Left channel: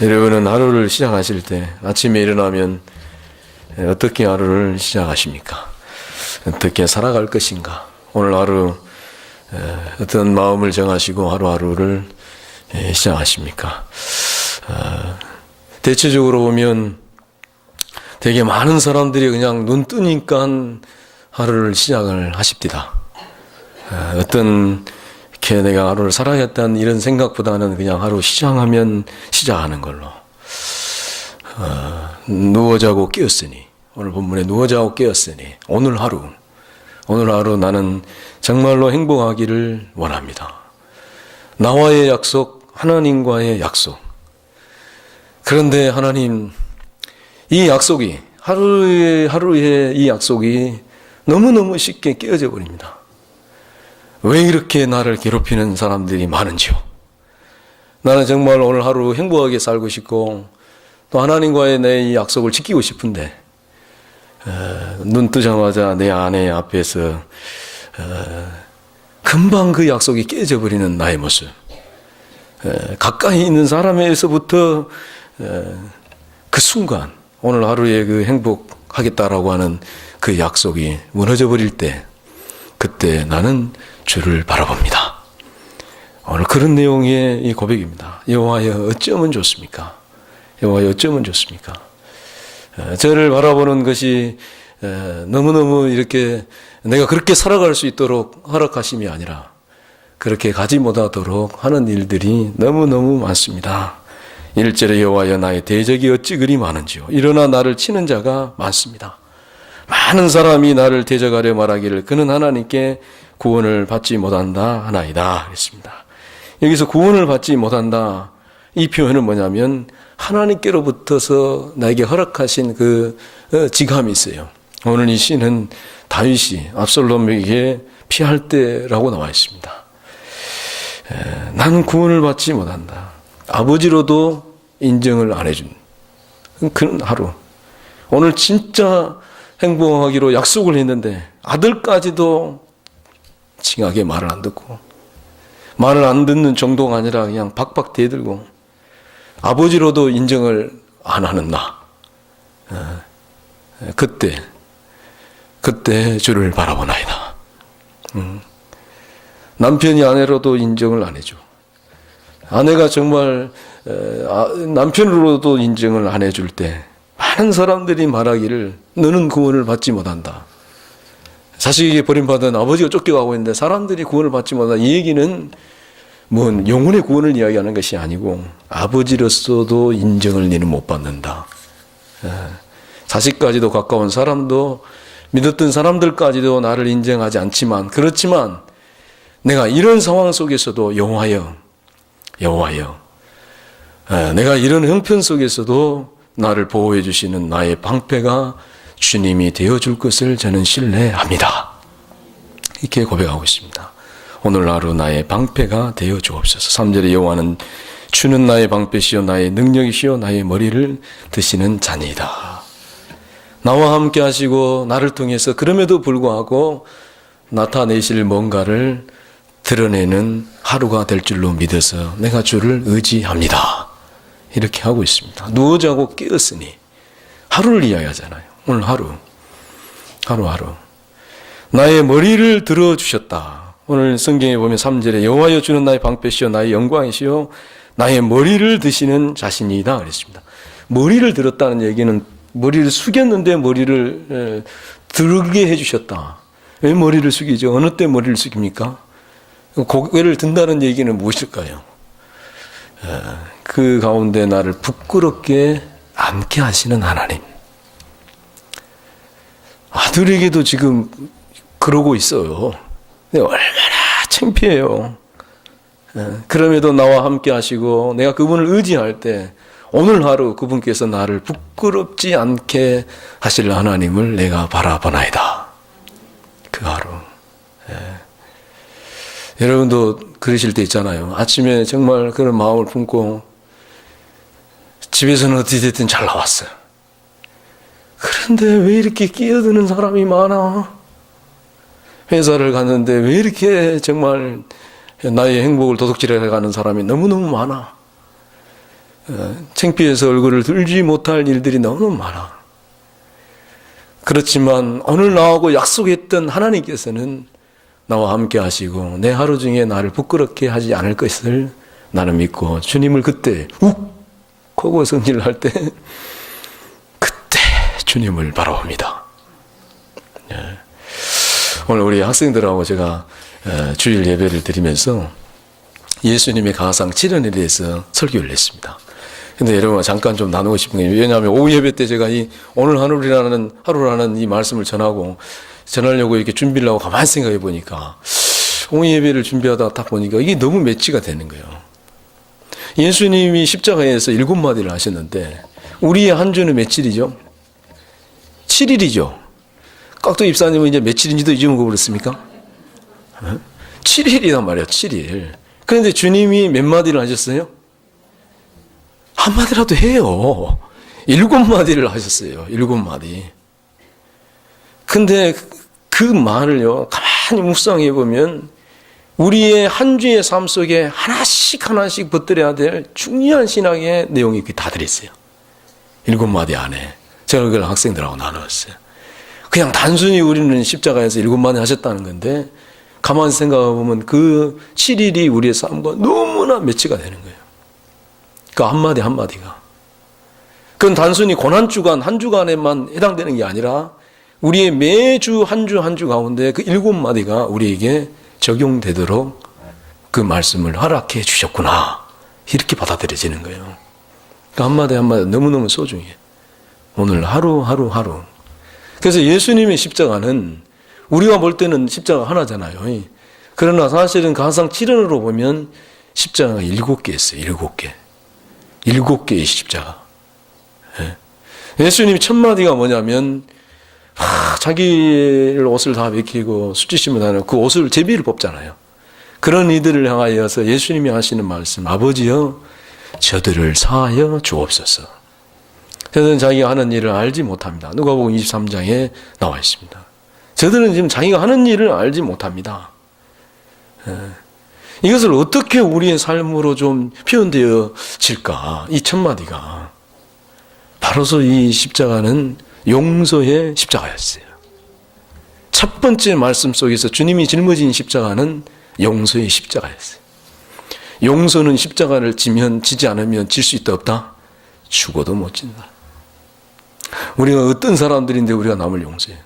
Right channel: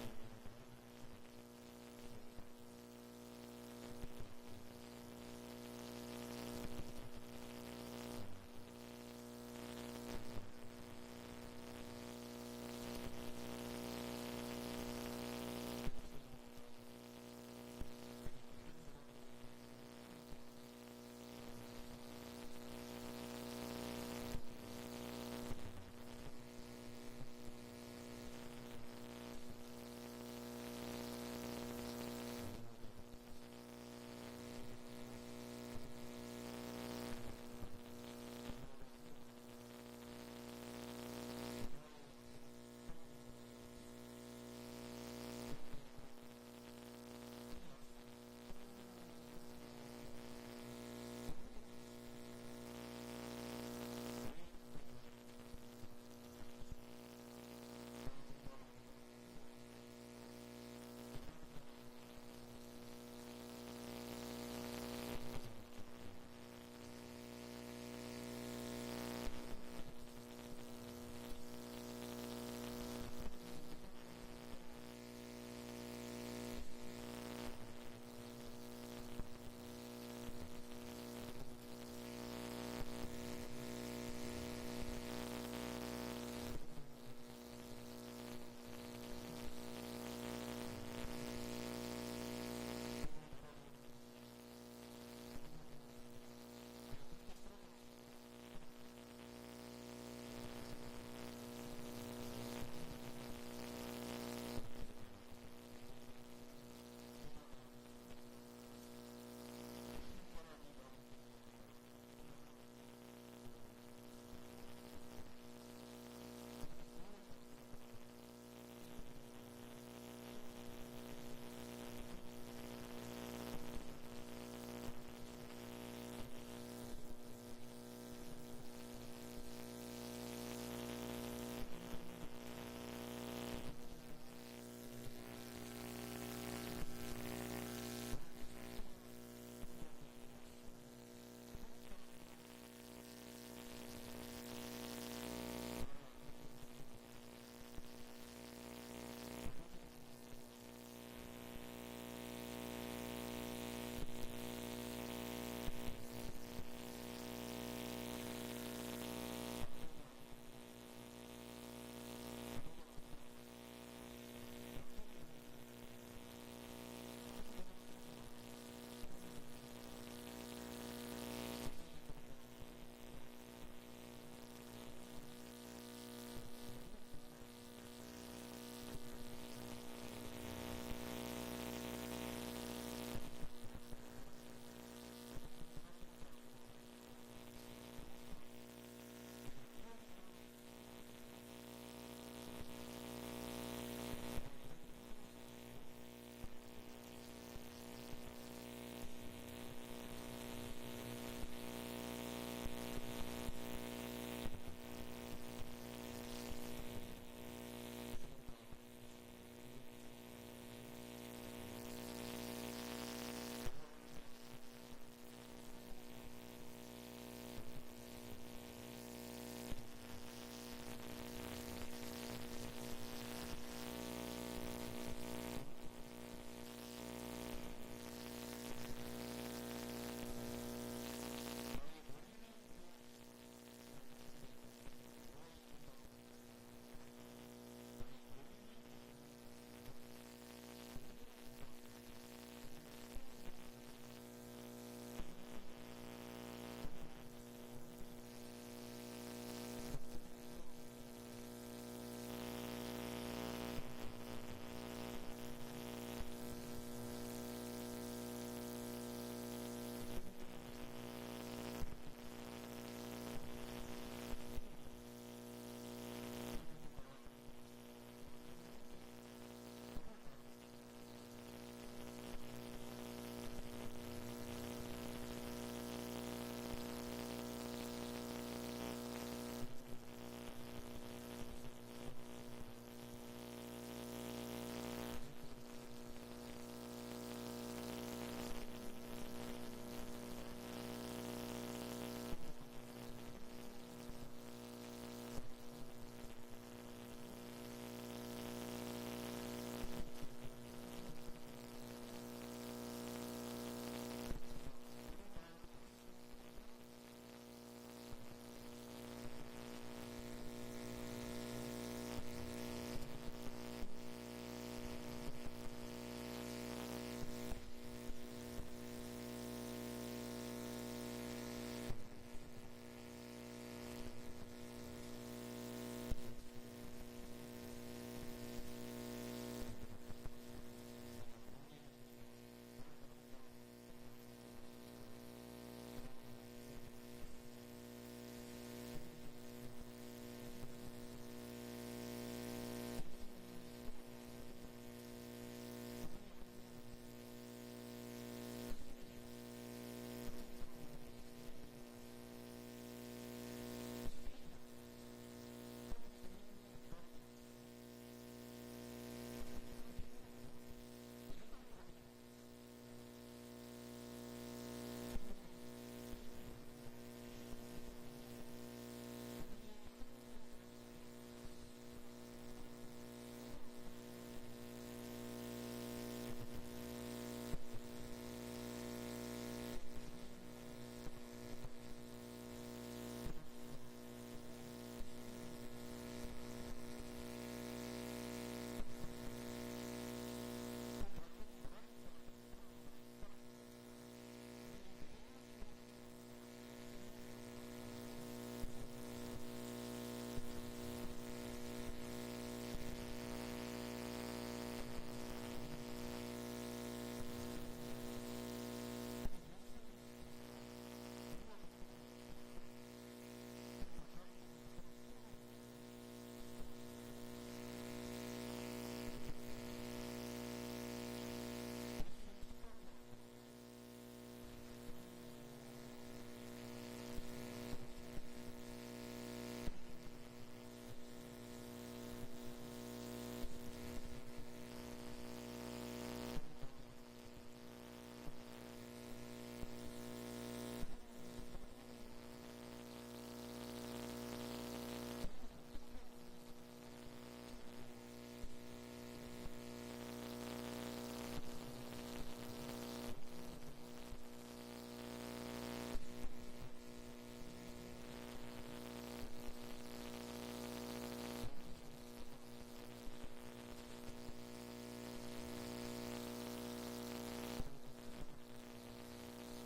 여러분은 하루를 시작하실 때 아침에 일어나면 어떻게 하루를 시작하십니까? 어떻게 살아갈 것인가? 오늘 하루 어떤 마음을 정하시고 하루하루를 시작하십니까? 대체적으로 보면 되게 많은 사람들이 그냥 눈 뜨니까 하루를 시작을 하십니다. 어떤 이렇게 내가 하루를 살아야겠다는 이런 생각보다는 그냥 하루 시작하면 시작하는 걸로. 누워 자고 깨었으니, 오늘 본문에 누워 자고 깨었으니 오늘 하루 나는 정말로 행복하기를 원합니다. 나와의 약속, 하나님과의 약속. 그런데 하나님, 이 약속이 하루의 이 약속이 너무너무 쉽게 깨어져 버립니다. 왜 이렇게 나를 괴롭히는 사람들이 많은지요? 나는 정말 오늘 하루 행복하게 살고 싶고 또 하나님과의 내 이 약속을 지키고 싶은데 눈 뜨자마자 내 아내 앞에서 금방 그 약속이 깨져 버리는 나의 모습. 가까이 있는 사람에서부터 그 순간 오늘 하루에 그 행복하겠다라고 하는 그 약속이 무너져 버릴 때 그때 나는 주를 바라봅니다. 오늘 그런 내용의 이 고백입니다. 여호와여 어쩌면 좋습니까? 여호와여 어쩌면 좋습니까? 저를 바라보는 것이 너무너무 이렇게 내가 그렇게 살아갈 수 있도록 허락하심이 아니라 그렇게 가지 못하도록 하는 일들이 너무너무 많습니다. 1절에 여호와여 나의 대적이 어찌 그리 많은지요. 일어나 나를 치는 자가 많습니다. 많은 사람이 나를 대적하려 말하기를 그는 하나님께 구원을 받지 못한다 하나이다 그랬습니다. 여기서 구원을 받지 못한다, 이 표현은 뭐냐면 하나님께로부터서 나에게 허락하신 그 직함이 있어요. 오늘 이 시는 다윗이 압살롬에게 피할 때라고 나와 있습니다. 나는 구원을 받지 못한다. 아버지로도 인정을 안 해준 그런 하루. 오늘 진짜 행복하기로 약속을 했는데 아들까지도 칭하게 말을 안 듣고, 말을 안 듣는 정도가 아니라 그냥 박박 대들고 아버지로도 인정을 안 하는 나. 그때 주를 바라보나이다. 남편이 아내로도 인정을 안 해줘. 아내가 정말 남편으로도 인정을 안 해줄 때 많은 사람들이 말하기를 너는 구원을 받지 못한다. 자식에게 버림받은 아버지가 쫓겨가고 있는데 사람들이 구원을 받지 못한다. 이 얘기는 뭐 영혼의 구원을 이야기하는 것이 아니고 아버지로서도 인정을 너는 못 받는다. 자식까지도 가까운 사람도 믿었던 사람들까지도 나를 인정하지 않지만, 그렇지만 내가 이런 상황 속에서도 여호와여 내가 이런 형편 속에서도 나를 보호해 주시는 나의 방패가 주님이 되어줄 것을 저는 신뢰합니다. 이렇게 고백하고 있습니다. 오늘 하루 나의 방패가 되어 주옵소서. 3절에 여호와는 주는 나의 방패시요 나의 능력이시요 나의 머리를 드시는 자니이다. 나와 함께 하시고 나를 통해서 그럼에도 불구하고 나타내실 뭔가를 드러내는 하루가 될 줄로 믿어서 내가 주를 의지합니다. 이렇게 하고 있습니다. 누워 자고 깨었으니 하루를 이야기하잖아요. 오늘 하루. 나의 머리를 들어주셨다. 오늘 성경에 보면 3절에 여호와여 주는 나의 방패시요 나의 영광이시요 나의 머리를 드시는 자신이다 그랬습니다. 머리를 들었다는 얘기는 머리를 숙였는데 머리를 들게 해주셨다. 왜 머리를 숙이죠? 어느 때 머리를 숙입니까? 고개를 든다는 얘기는 무엇일까요? 그 가운데 나를 부끄럽게 앉게 하시는 하나님. 아들에게도 지금 그러고 있어요. 얼마나 창피해요. 그럼에도 나와 함께 하시고 내가 그분을 의지할 때 오늘 하루 그분께서 나를 부끄럽지 않게 하실 하나님을 내가 바라보나이다. 그 하루. 여러분도 그러실 때 있잖아요. 아침에 정말 그런 마음을 품고 집에서는 어떻게 됐든 잘 나왔어요. 그런데 왜 이렇게 끼어드는 사람이 많아? 회사를 갔는데 왜 이렇게 정말 나의 행복을 도둑질해 가는 사람이 너무너무 많아? 창피해서 얼굴을 들지 못할 일들이 너무 많아. 그렇지만 오늘 나하고 약속했던 하나님께서는 나와 함께 하시고 내 하루 중에 나를 부끄럽게 하지 않을 것을 나는 믿고 주님을 그때 욱 하고 성질을 할 때 그때 주님을 바라봅니다. 오늘 우리 학생들하고 제가 주일 예배를 드리면서 예수님의 가상 7연에 대해서 설교를 했습니다. 근데 여러분 잠깐 좀 나누고 싶은 게, 왜냐하면 오후 예배 때 제가 이 오늘 하루라는 이 말씀을 전하려고 이렇게 준비를 하고 가만히 생각해 보니까 오후 예배를 준비하다가 딱 보니까 이게 너무 매치가 되는 거예요. 예수님이 십자가에서 7마디를 하셨는데 우리의 한 주는 며칠이죠? 7일이죠. 깍두 입사님은 이제 며칠인지도 잊어먹어버렸습니까? 7일이란 말이에요. 7일. 그런데 주님이 몇 마디를 하셨어요? 한마디라도 해요. 7마디를 하셨어요. 7마디. 근데 그 말을요, 가만히 묵상해 보면 우리의 한 주의 삶 속에 하나씩 붙들어야 될 중요한 신학의 내용이 다 들어있어요. 7마디 안에. 제가 그걸 학생들하고 나눴어요. 그냥 단순히 우리는 십자가에서 7마디 하셨다는 건데 가만히 생각해 보면 그 7일이 우리의 삶과 너무나 매치가 되는 거예요. 그 한마디 한마디가. 그건 단순히 고난주간, 한 주간에만 해당되는 게 아니라 우리의 매주 한 주 가운데 그 7마디가 우리에게 적용되도록 그 말씀을 허락해 주셨구나. 이렇게 받아들여지는 거예요. 그 한마디 한마디 너무너무 소중해. 오늘 하루. 그래서 예수님의 십자가는 우리가 볼 때는 십자가 하나잖아요. 그러나 사실은 가상 7연으로 보면 십자가가 7개 있어요. 7개. 7개의 십자가. 예수님 첫 마디가 뭐냐면 자기 옷을 다 벗기고 수치심을 다하는 그 옷을 제비를 뽑잖아요. 그런 이들을 향하여서 예수님이 하시는 말씀, 아버지여 저들을 사하여 주옵소서. 저들은 자기가 하는 일을 알지 못합니다. 누가복음 23장에 나와 있습니다. 저들은 지금 자기가 하는 일을 알지 못합니다. 이것을 어떻게 우리의 삶으로 좀 표현되어질까? 이 첫 마디가 바로서 이 십자가는 용서의 십자가였어요. 첫 번째 말씀 속에서 주님이 짊어진 십자가는 용서의 십자가였어요. 용서는 십자가를 지지 않으면 질 수 있다 없다? 죽어도 못 진다. 우리가 어떤 사람들인데 우리가 남을 용서해요.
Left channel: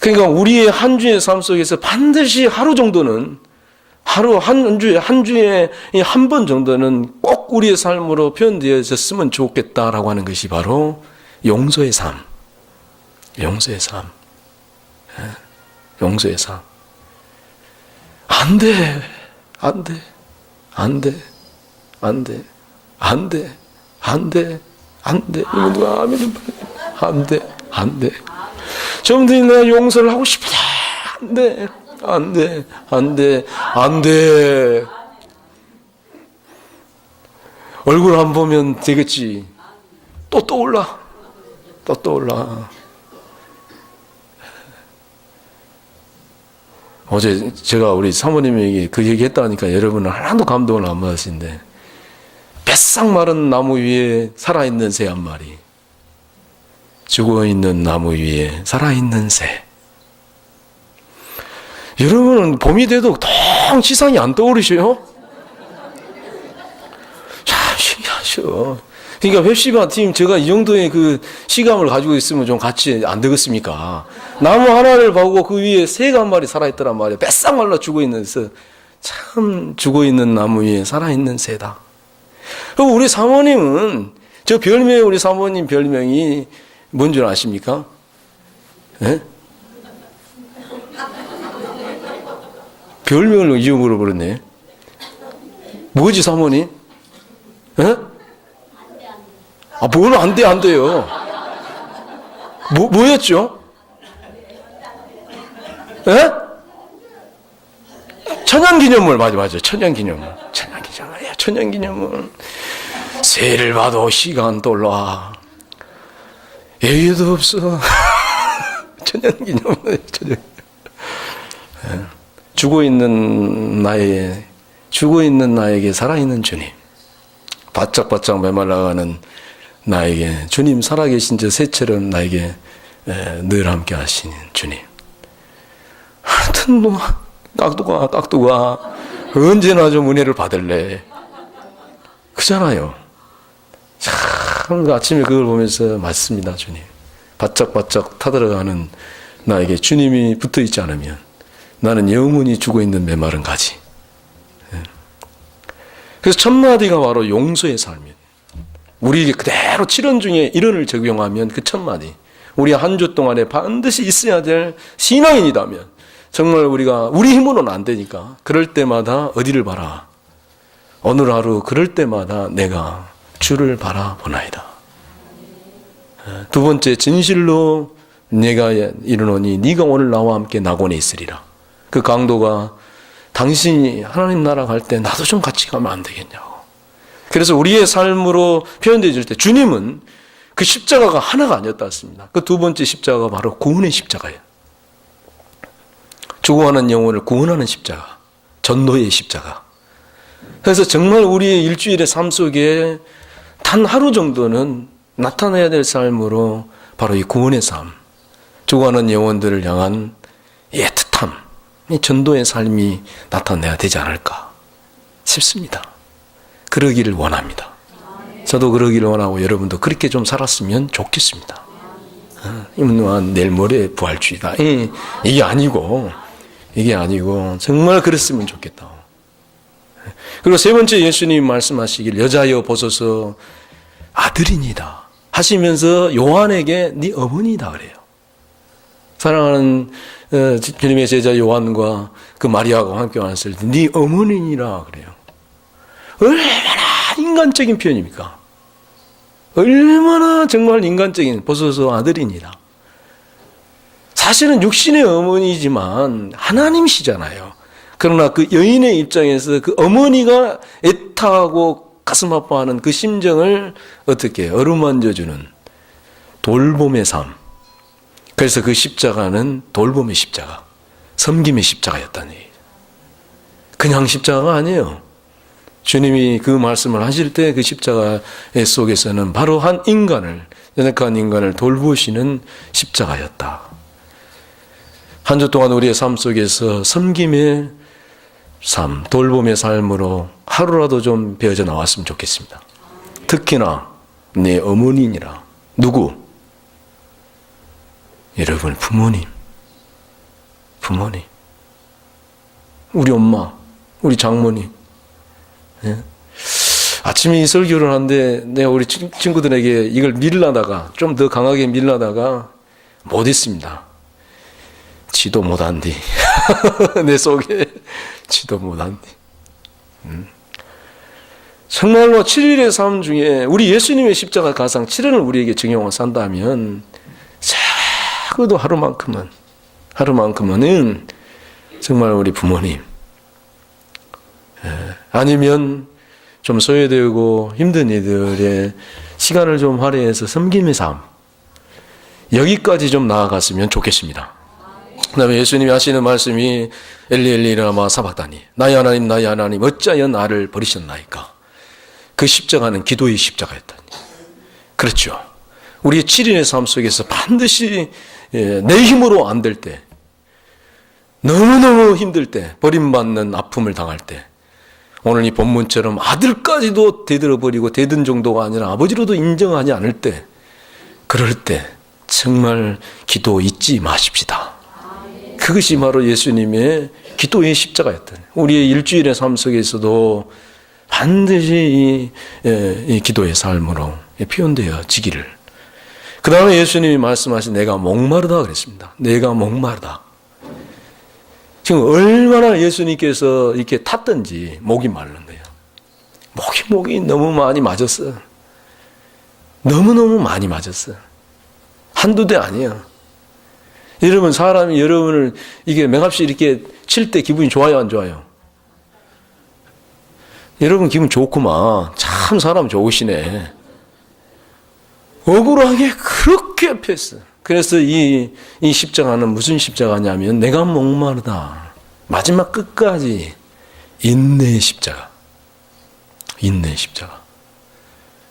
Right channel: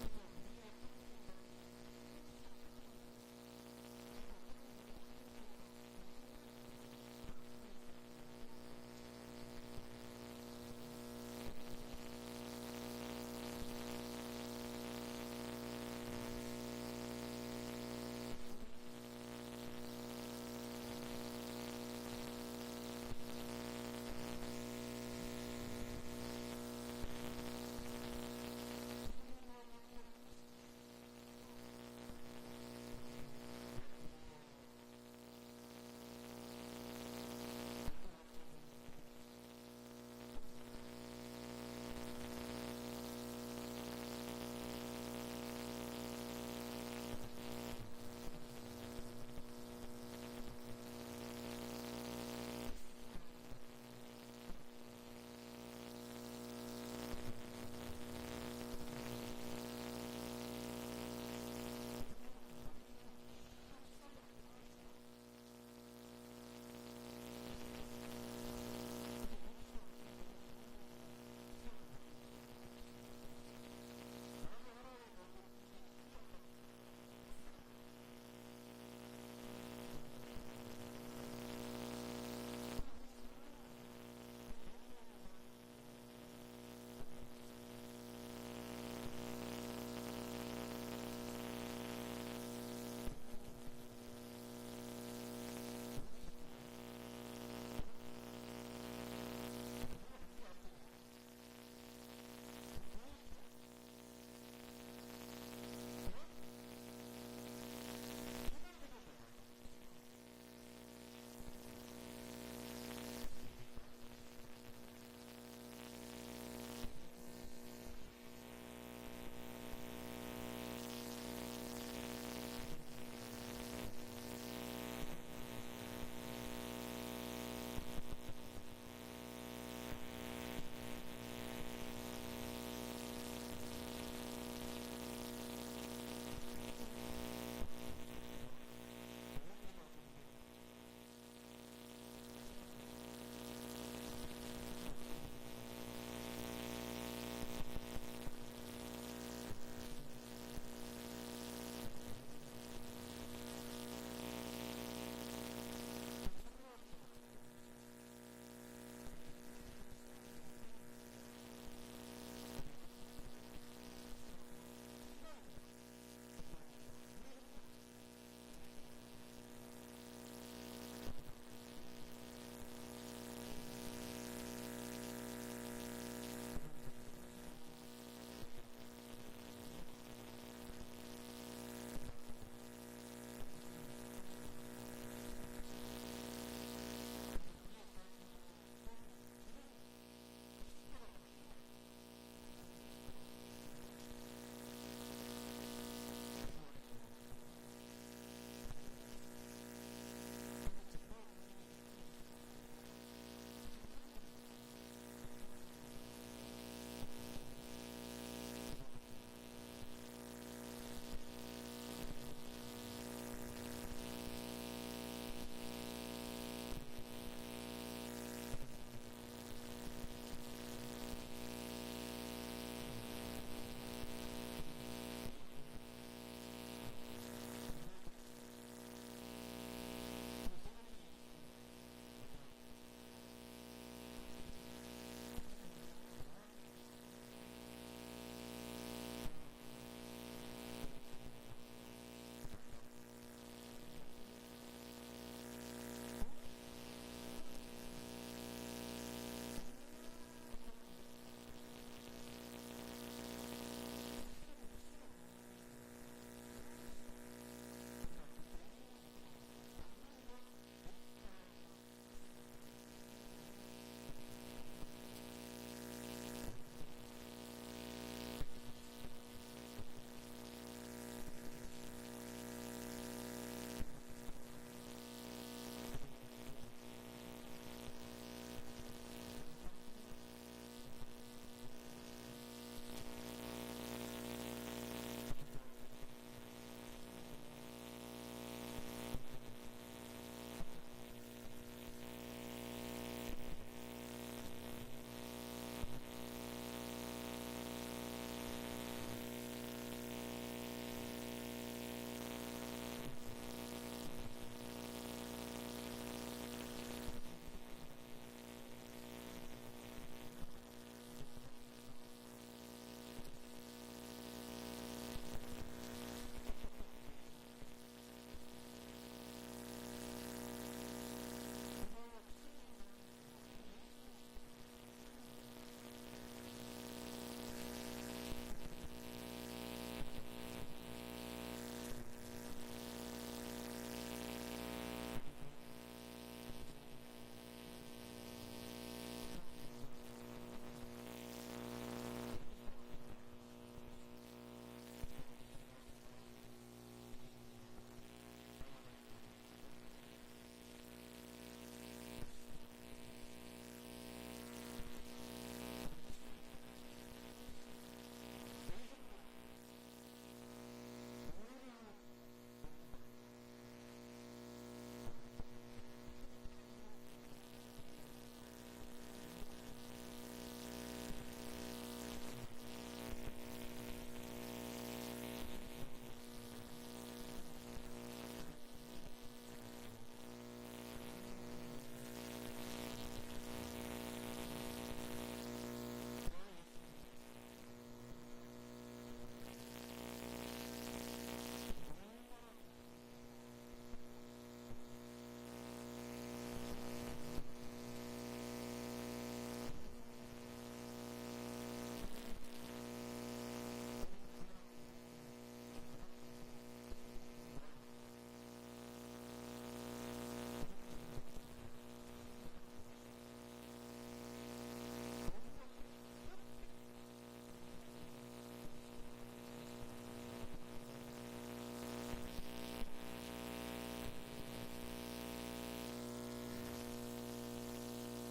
그러니까 우리의 한 주의 삶 속에서 반드시 하루 정도는 한 주에 한 번 정도는 꼭 우리의 삶으로 표현되어졌으면 좋겠다라고 하는 것이 바로 용서의 삶. 용서의 삶. 용서의 삶. 안 돼. 안 돼. 안 돼. 안 돼. 안 돼. 안 돼. 안 돼. 이거 누가 아멘. 안 돼. 안 돼. 좀더 내가 용서를 하고 싶다. 안 돼. 안 돼. 안 돼. 안 돼. 얼굴 안 보면 되겠지. 또 떠올라. 또 떠올라. 어제 제가 우리 사모님에게 그 얘기 했다니까 여러분은 하나도 감동을 안 받으신데, 뱃삭 마른 나무 위에 살아있는 새 한 마리, 죽어있는 나무 위에 살아있는 새. 여러분은 봄이 돼도 통 지상이 안 떠오르셔요? 참 신기하셔. 그러니까 웹시바 팀, 제가 이 정도의 그 시감을 가지고 있으면 좀 같이 안 되겠습니까? 나무 하나를 보고 그 위에 새가 한 마리 살아있더란 말이에요. 뱃삭 말라 죽어있는 새. 참 죽어있는 나무 위에 살아있는 새다. 그리고 우리 사모님은, 저 별명이, 우리 사모님 별명이 뭔 줄 아십니까? 네? 별명을 잊어버려 버렸네. 뭐지, 사모님? 예? 아, 뭘 안 돼, 안 돼요. 뭐였죠? 예? 천연기념물, 맞아. 천연기념물. 천연기념물. 새를 봐도 시간 떠올라. 얘기도 없어. 천연기념물. 죽어있는 나에게 살아있는 주님. 바짝바짝 메말라가는 나에게 주님 살아계신 저 새처럼 나에게 늘 함께 하시는 주님. 하여튼 뭐 깍두가 언제나 좀 은혜를 받을래. 그잖아요. 참 아침에 그걸 보면서 맞습니다. 주님. 바짝바짝 타들어가는 나에게 주님이 붙어있지 않으면 나는 영원히 죽어있는 메마른 가지. 그래서 첫 마디가 바로 용서의 삶이에요. 우리 그대로 7원 중에 1원을 적용하면 그 첫 마디, 우리 한 주 동안에 반드시 있어야 될 신앙인이라면 정말 우리가 우리 힘으로는 안 되니까 그럴 때마다 어디를 봐라. 오늘 하루 그럴 때마다 내가 주를 바라보나이다. 두 번째, 진실로 내가 이르노니 네가 오늘 나와 함께 낙원에 있으리라. 그 강도가 당신이 하나님 나라 갈 때 나도 좀 같이 가면 안 되겠냐고. 그래서 우리의 삶으로 표현되어질 때 주님은 그 십자가가 하나가 아니었다 했습니다. 그 두 번째 십자가가 바로 구원의 십자가예요. 죽어가는 영혼을 구원하는 십자가, 전도의 십자가. 그래서 정말 우리의 일주일의 삶 속에 단 하루 정도는 나타내야 될 삶으로 바로 이 구원의 삶, 죽어가는 영혼들을 향한 애틋함, 이 전도의 삶이 나타내야 되지 않을까 싶습니다. 그러기를 원합니다. 저도 그러기를 원하고 여러분도 그렇게 좀 살았으면 좋겠습니다. 내일 모레 부활주의다. 이게 아니고 정말 그랬으면 좋겠다. 그리고 세 번째, 예수님 말씀하시길 여자여 보소서 아들이니다 하시면서 요한에게 네 어머니다 그래요. 사랑하는 주님의 제자 요한과 그 마리아가 함께 왔을 때 네 어머니니라 그래요. 얼마나 인간적인 표현입니까? 얼마나 정말 인간적인, 보소서 아들이니라. 사실은 육신의 어머니지만 하나님이시잖아요. 그러나 그 여인의 입장에서 그 어머니가 애타하고 가슴 아파하는 그 심정을 어떻게 어루만져주는 돌봄의 삶. 그래서 그 십자가는 돌봄의 십자가, 섬김의 십자가였다는 얘기예요. 그냥 십자가가 아니에요. 주님이 그 말씀을 하실 때 그 십자가 속에서는 바로 한 인간을, 연약한 인간을 돌보시는 십자가였다. 한 주 동안 우리의 삶 속에서 섬김의 삶, 돌봄의 삶으로 하루라도 좀 배어져 나왔으면 좋겠습니다. 특히나 내 어머니니라. 누구? 여러분 부모님. 우리 엄마, 우리 장모님. 예? 아침에 이 설교를 하는데 내가 우리 친구들에게 이걸 밀라다가 좀 더 강하게 밀라다가 못했습니다. 지도 못한디. 내 속에 지도 못한디. 정말로 7일의 삶 중에 우리 예수님의 십자가 가상 7일을 우리에게 적용하고 산다면 적어도 하루만큼은 정말 우리 부모님, 아니면 좀 소외되고 힘든 이들의 시간을 좀 할애해서 섬김의 삶, 여기까지 좀 나아갔으면 좋겠습니다. 그 다음에 예수님이 하시는 말씀이 엘리 라마 사박다니, 나의 하나님 어찌하여 나를 버리셨나이까. 그 십자가는 기도의 십자가였다니. 그렇죠. 우리의 7인의 삶 속에서 반드시 내 힘으로 안 될 때, 너무너무 힘들 때, 버림받는 아픔을 당할 때, 오늘 이 본문처럼 아들까지도 대들어버리고 대든 정도가 아니라 아버지로도 인정하지 않을 때, 그럴 때 정말 기도 잊지 마십시다. 그것이 바로 예수님의 기도의 십자가였다. 우리의 일주일의 삶 속에서도 반드시 이 기도의 삶으로 표현되어지기를. 그 다음에 예수님이 말씀하신 내가 목마르다 그랬습니다. 내가 목마르다. 지금 얼마나 예수님께서 이렇게 탔던지 목이 마른 거예요. 목이 너무 많이 맞았어. 너무너무 많이 맞았어. 한두 대 아니야. 여러분, 사람이 여러분을 이게 맹합시 이렇게 칠 때 기분이 좋아요, 안 좋아요? 여러분 기분 좋구만. 참 사람 좋으시네. 억울하게 그렇게 패스. 그래서 이 십자가는 무슨 십자가냐면 내가 목마르다. 마지막 끝까지 인내의 십자가. 인내의 십자가.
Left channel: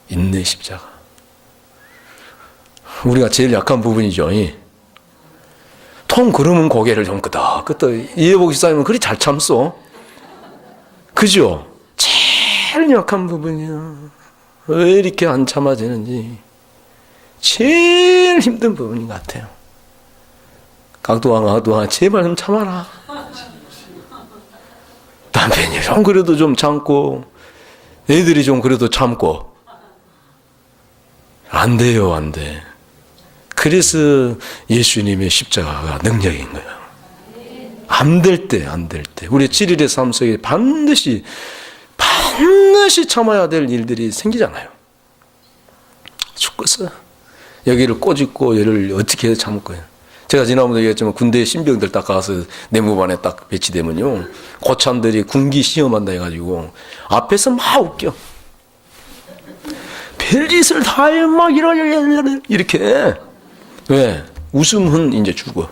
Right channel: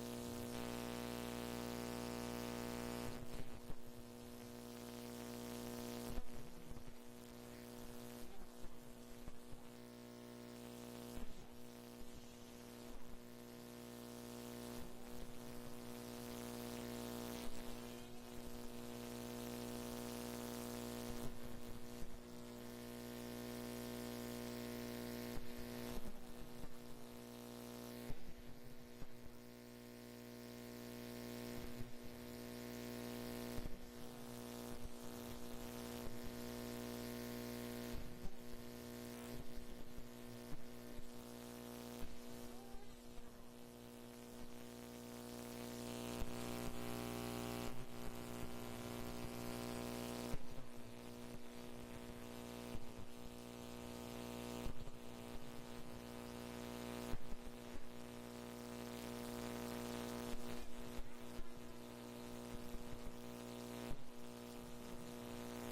인내 십자가. 우리가 제일 약한 부분이죠. 통 그러면 고개를 좀 끄덕끄덕. 이해복 집사님은 그리 잘 참소. 그죠? 제일 약한 부분이야. 왜 이렇게 안 참아지는지. 제일 힘든 부분인 것 같아요. 각도왕 제발 좀 참아라. 남편이 좀 그래도 좀 참고, 애들이 좀 그래도 참고. 안 돼요, 안 돼. 그래서 예수님의 십자가가 능력인 거예요. 안 될 때, 안 될 때. 우리 7일의 삶 속에 반드시 참아야 될 일들이 생기잖아요. 죽겠어요. 여기를 꼬집고 얘를 어떻게 해서 참을 거예요. 제가 지난번에 얘기했지만 군대 신병들 딱 가서 내무반에 딱 배치되면요. 고참들이 군기 시험한다 해가지고 앞에서 막 웃겨. 별짓을 다 해, 막 이렇게. 왜? 웃으면 이제 죽어.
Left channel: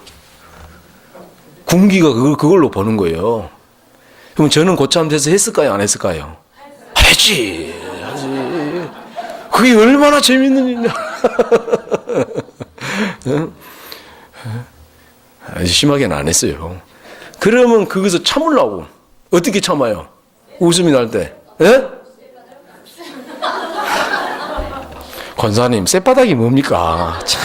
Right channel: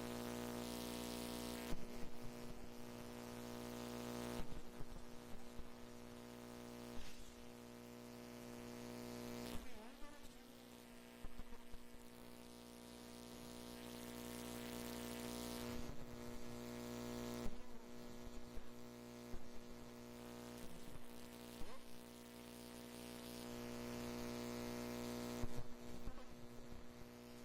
군기가 그걸로 보는 거예요. 그럼 저는 고참 돼서 했을까요? 안 했을까요? 했지. 그게 얼마나 재밌는 일이냐. 아주 심하게는 안 했어요. 그러면 거기서 참으려고. 어떻게 참아요? 웃음이 날 때. 예? 권사님, 쌔바닥이 뭡니까? 참.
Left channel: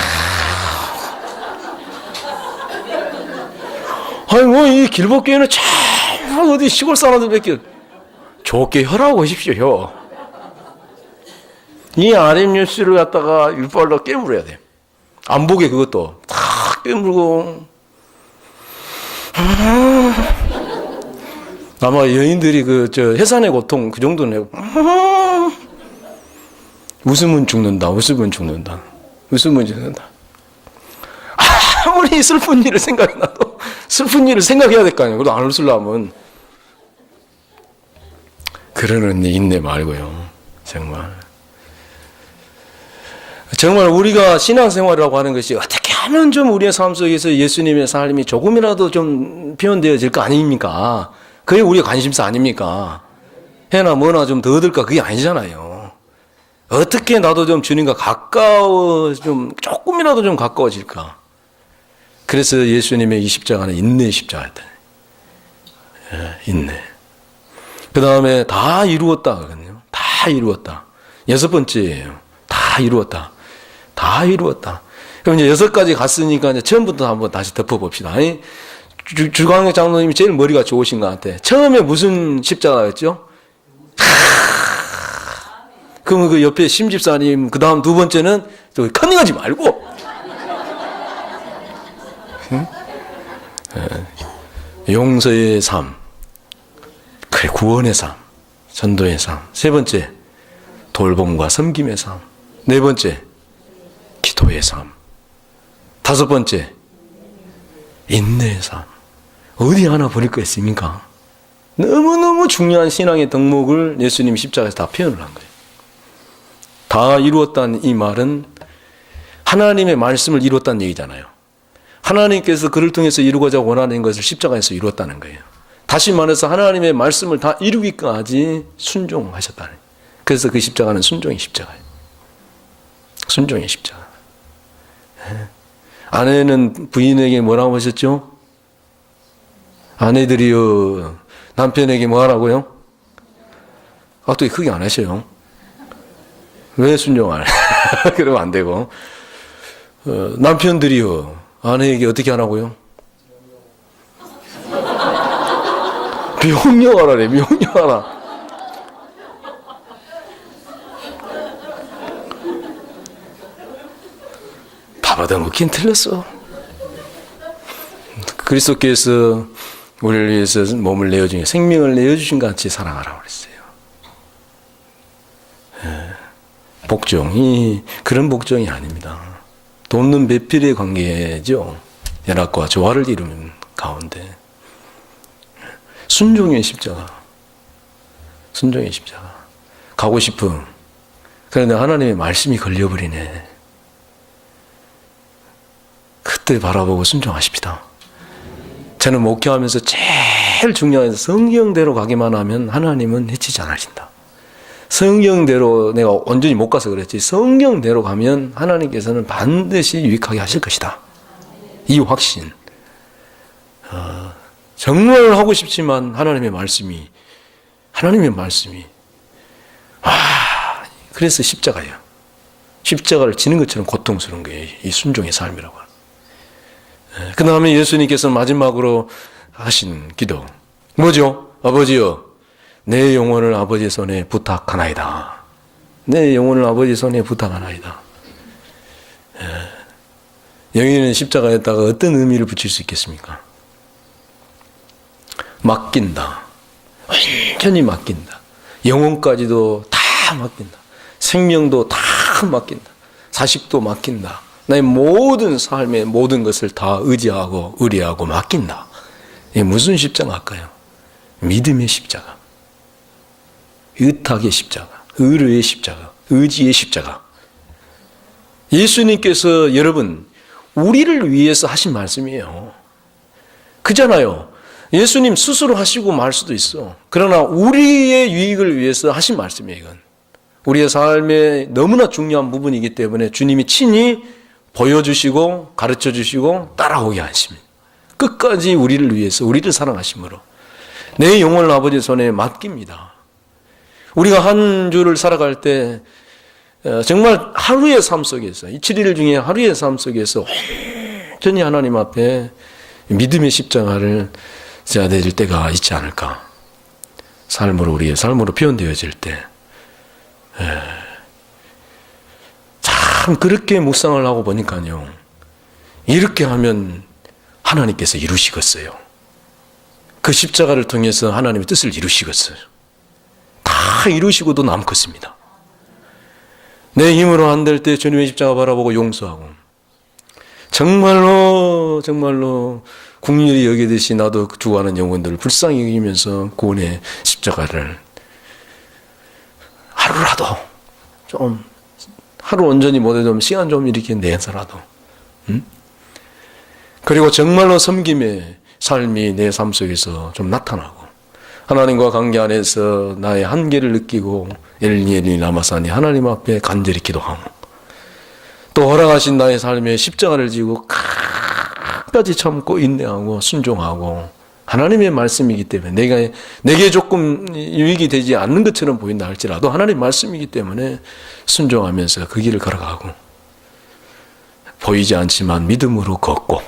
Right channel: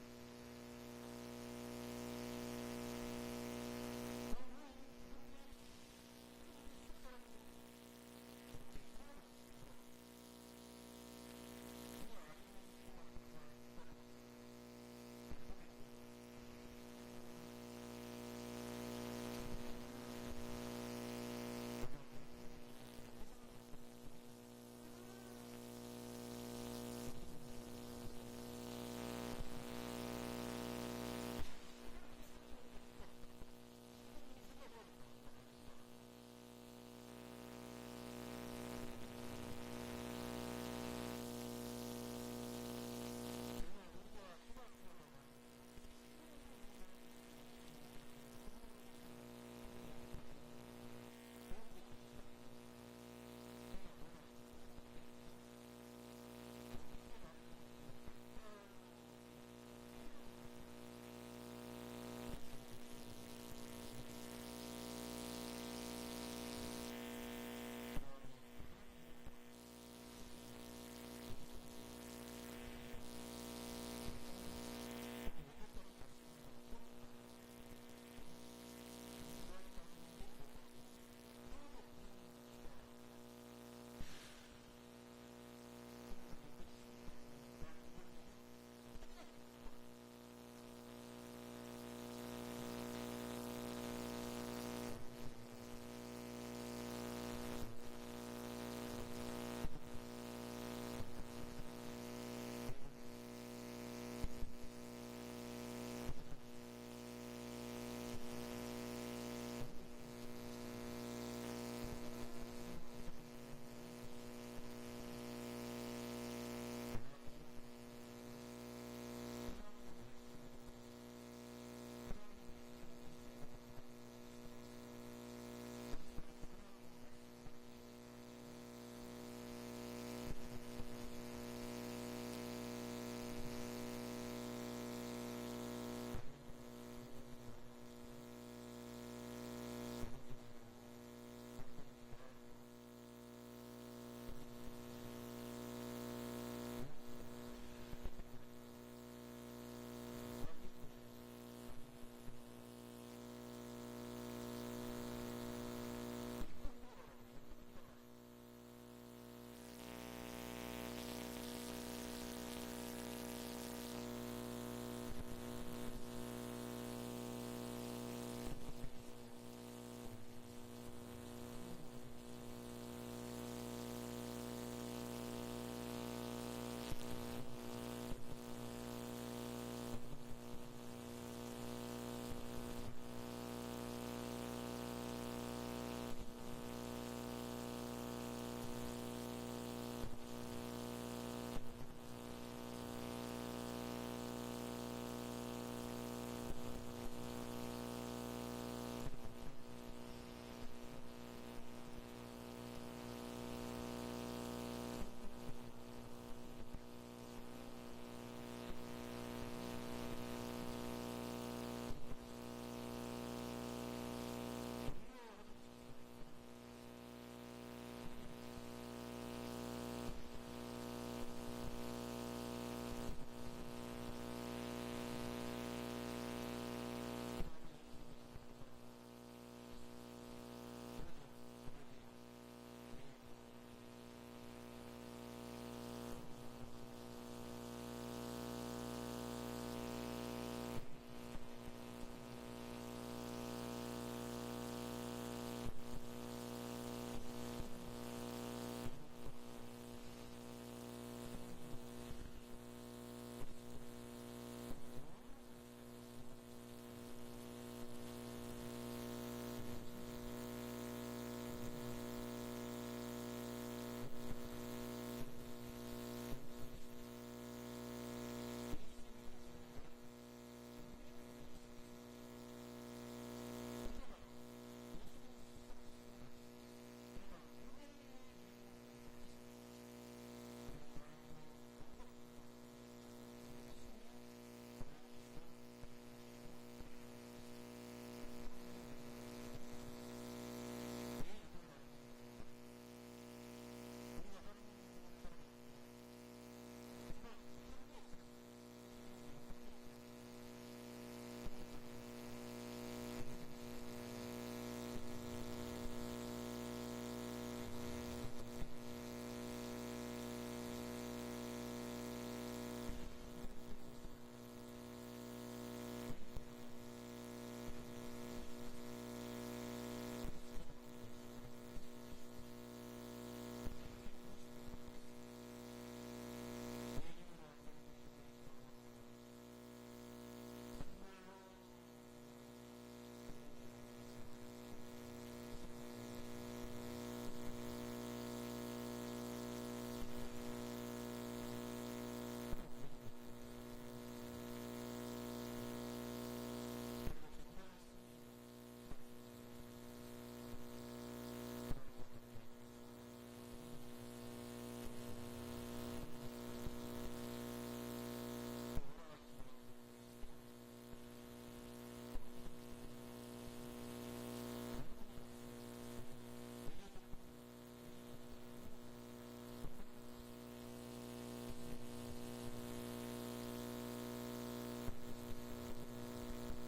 아니, 뭐, 이 길복교회는 참, 어디 시골 사람들밖에 좋게 혀라고 하십시오, 혀. 이 RM뉴스를 갖다가 율발로 깨물어야 돼. 안 보게 그것도. 다 깨물고. 아마 여인들이 해산의 고통 그 정도는 해요. 웃으면 죽는다. 웃으면 죽는다. 웃으면 죽는다. 아무리 슬픈 일을 생각이 나도 슬픈 일을 생각해야 될 거 아니에요. 그래도 안 웃으려면. 그러는 인내 말고요. 정말 우리가 신앙생활이라고 하는 것이 어떻게 하면 좀 우리의 삶 속에서 예수님의 삶이 조금이라도 좀 표현되어질 거 아닙니까? 그게 우리의 관심사 아닙니까? 해나 뭐나 좀 더 얻을까? 그게 아니잖아요. 어떻게 나도 좀 주님과 조금이라도 좀 가까워질까? 그래서 예수님의 이 십자가는 인내의 십자가였다. 인내. 그 다음에 다 이루었다. 거든요. 다 이루었다. 6번째예요. 다 이루었다. 다 이루었다. 그럼 이제 6가지 갔으니까 이제 처음부터 한번 다시 덮어봅시다. 주광혁 장로님이 제일 머리가 좋으신 것 같아. 처음에 무슨 십자가였죠? 그러면 그 옆에 심집사님, 그 다음 2번째는 컨닝하지 말고. 응? 용서의 삶. 그래, 구원의 삶. 전도의 삶. 3번째, 돌봄과 섬김의 삶. 4번째, 기도의 삶. 5번째, 인내의 삶. 어디 하나 버릴 거 있습니까? 너무너무 중요한 신앙의 덕목을 예수님 십자가에서 다 표현을 한 거예요. 다 이루었다는 이 말은 하나님의 말씀을 이루었다는 얘기잖아요. 하나님께서 그를 통해서 이루고자 원하는 것을 십자가에서 이루었다는 거예요. 다시 말해서 하나님의 말씀을 다 이루기까지 순종하셨다는 거예요. 그래서 그 십자가는 순종의 십자가예요. 순종의 십자가. 아내는 부인에게 뭐라고 하셨죠? 아내들이요, 남편에게 뭐 하라고요? 또 크게 안 하셔요. 왜 순종을? 그러면 안 되고. 남편들이요, 아내에게 어떻게 하라고요? 명령하라래, 명령하라. 다 받아먹긴 틀렸어. 그리스도께서 우리를 위해서 몸을 내어주신, 생명을 내어주신 것 같이 사랑하라고 그랬어요. 복종이 그런 복종이 아닙니다. 돕는 배필의 관계죠. 연합과 조화를 이루는 가운데 순종의 십자가. 순종의 십자가. 가고 싶음. 그런데 하나님의 말씀이 걸려버리네. 그때 바라보고 순종하십시다. 저는 목회하면서 제일 중요한 성경대로 가기만 하면 하나님은 해치지 않으신다. 성경대로 내가 온전히 못 가서 그랬지, 성경대로 가면 하나님께서는 반드시 유익하게 하실 것이다. 이 확신. 정말 하고 싶지만 하나님의 말씀이 그래서 십자가예요. 십자가를 지는 것처럼 고통스러운 거예요. 이 순종의 삶이라고. 그 다음에 예수님께서 마지막으로 하신 기도 뭐죠? 아버지여, 내 영혼을 아버지 손에 부탁하나이다. 내 영혼을 아버지 손에 부탁하나이다. 여기는 십자가에다가 어떤 의미를 붙일 수 있겠습니까? 맡긴다. 완전히 맡긴다. 영혼까지도 다 맡긴다. 생명도 다 맡긴다. 자식도 맡긴다. 나의 모든 삶의 모든 것을 다 의지하고 의뢰하고 맡긴다. 이게 무슨 십자가일까요? 믿음의 십자가, 의탁의 십자가, 의뢰의 십자가, 의지의 십자가. 예수님께서 여러분 우리를 위해서 하신 말씀이에요. 그잖아요. 예수님 스스로 하시고 말 수도 있어. 그러나 우리의 유익을 위해서 하신 말씀이에요. 이건 우리의 삶에 너무나 중요한 부분이기 때문에 주님이 친히 보여주시고 가르쳐주시고 따라오게 하십니다. 끝까지 우리를 위해서, 우리를 사랑하심으로 내 영혼을 아버지 손에 맡깁니다. 우리가 한 주를 살아갈 때 정말 하루의 삶 속에서, 이 7일 중에 하루의 삶 속에서 완전히 하나님 앞에 믿음의 십자가를 져야 될 때가 있지 않을까. 삶으로, 우리의 삶으로 표현되어질 때. 참 그렇게 묵상을 하고 보니까요, 이렇게 하면 하나님께서 이루시겠어요. 그 십자가를 통해서 하나님의 뜻을 이루시겠어요. 다 이루시고도 남겠습니다. 내 힘으로 안 될 때 주님의 십자가 바라보고 용서하고, 정말로 국률이 여기듯이 나도 죽어가는 영혼들을 불쌍히 여기면서 구원의 십자가를 하루라도 좀, 하루 온전히 못해도 시간 좀 이렇게 내서라도, 그리고 정말로 섬김의 삶이 내 삶 속에서 좀 나타나고, 하나님과 관계 안에서 나의 한계를 느끼고 엘니 라마사니 하나님 앞에 간절히 기도하고, 또 허락하신 나의 삶에 십자가를 지고 끝까지 참고 인내하고 순종하고, 하나님의 말씀이기 때문에 내게 조금 유익이 되지 않는 것처럼 보인다 할지라도 하나님의 말씀이기 때문에 순종하면서 그 길을 걸어가고, 보이지 않지만 믿음으로 걷고,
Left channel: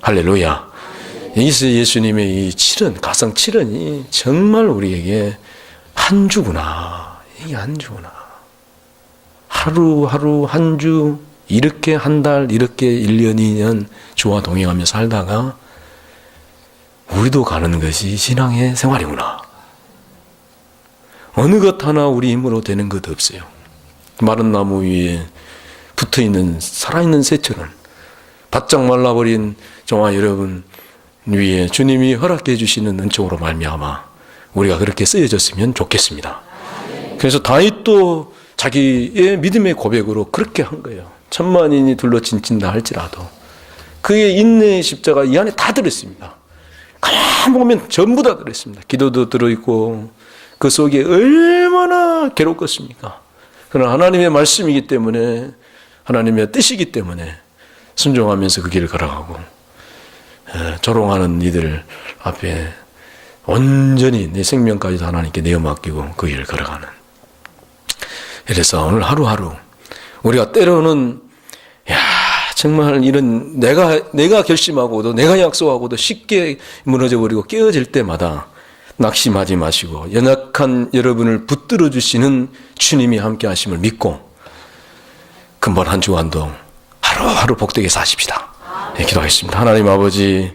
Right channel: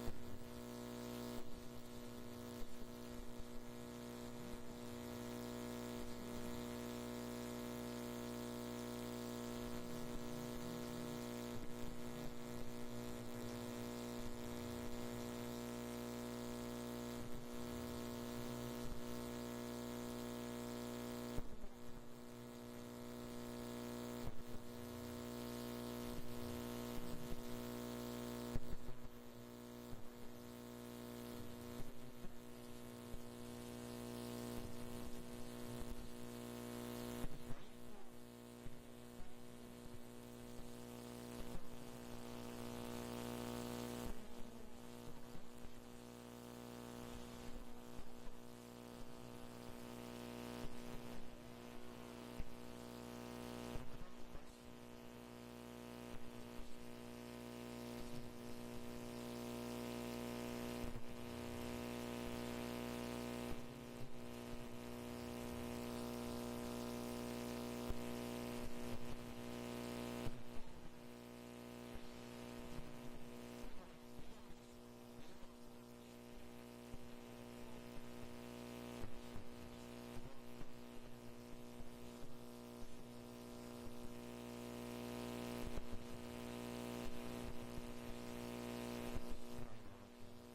할렐루야. 여기서 예수님의 이 가상 7원이 정말 우리에게 한 주구나. 이게 한 주구나. 하루 한 주, 이렇게 한 달, 이렇게 1년, 2년 주와 동행하며 살다가 우리도 가는 것이 신앙의 생활이구나. 어느 것 하나 우리 힘으로 되는 것 없어요. 마른 나무 위에 붙어있는 살아있는 새처럼 바짝 말라버린 저와 여러분 위에 주님이 허락해 주시는 은총으로 말미암아 우리가 그렇게 쓰여졌으면 좋겠습니다. 그래서 다윗도 자기의 믿음의 고백으로 그렇게 한 거예요. 천만인이 둘러친다 할지라도 그의 인내의 십자가 이 안에 다 들어있습니다. 가만 보면 전부 다 들어있습니다. 기도도 들어있고 그 속에 얼마나 괴롭겠습니까? 그러나 하나님의 말씀이기 때문에, 하나님의 뜻이기 때문에 순종하면서 그 길을 걸어가고, 조롱하는 이들 앞에 온전히 내 생명까지도 하나님께 내어 맡기고 그 길을 걸어가는. 그래서 오늘 하루하루 우리가 때로는 정말 이런 내가 결심하고도 내가 약속하고도 쉽게 무너져 버리고 깨어질 때마다 낙심하지 마시고 연약한 여러분을 붙들어 주시는 주님이 함께 하심을 믿고 근본 한 주간도 하루하루 복되게 사십시다. 네, 기도하겠습니다. 하나님 아버지,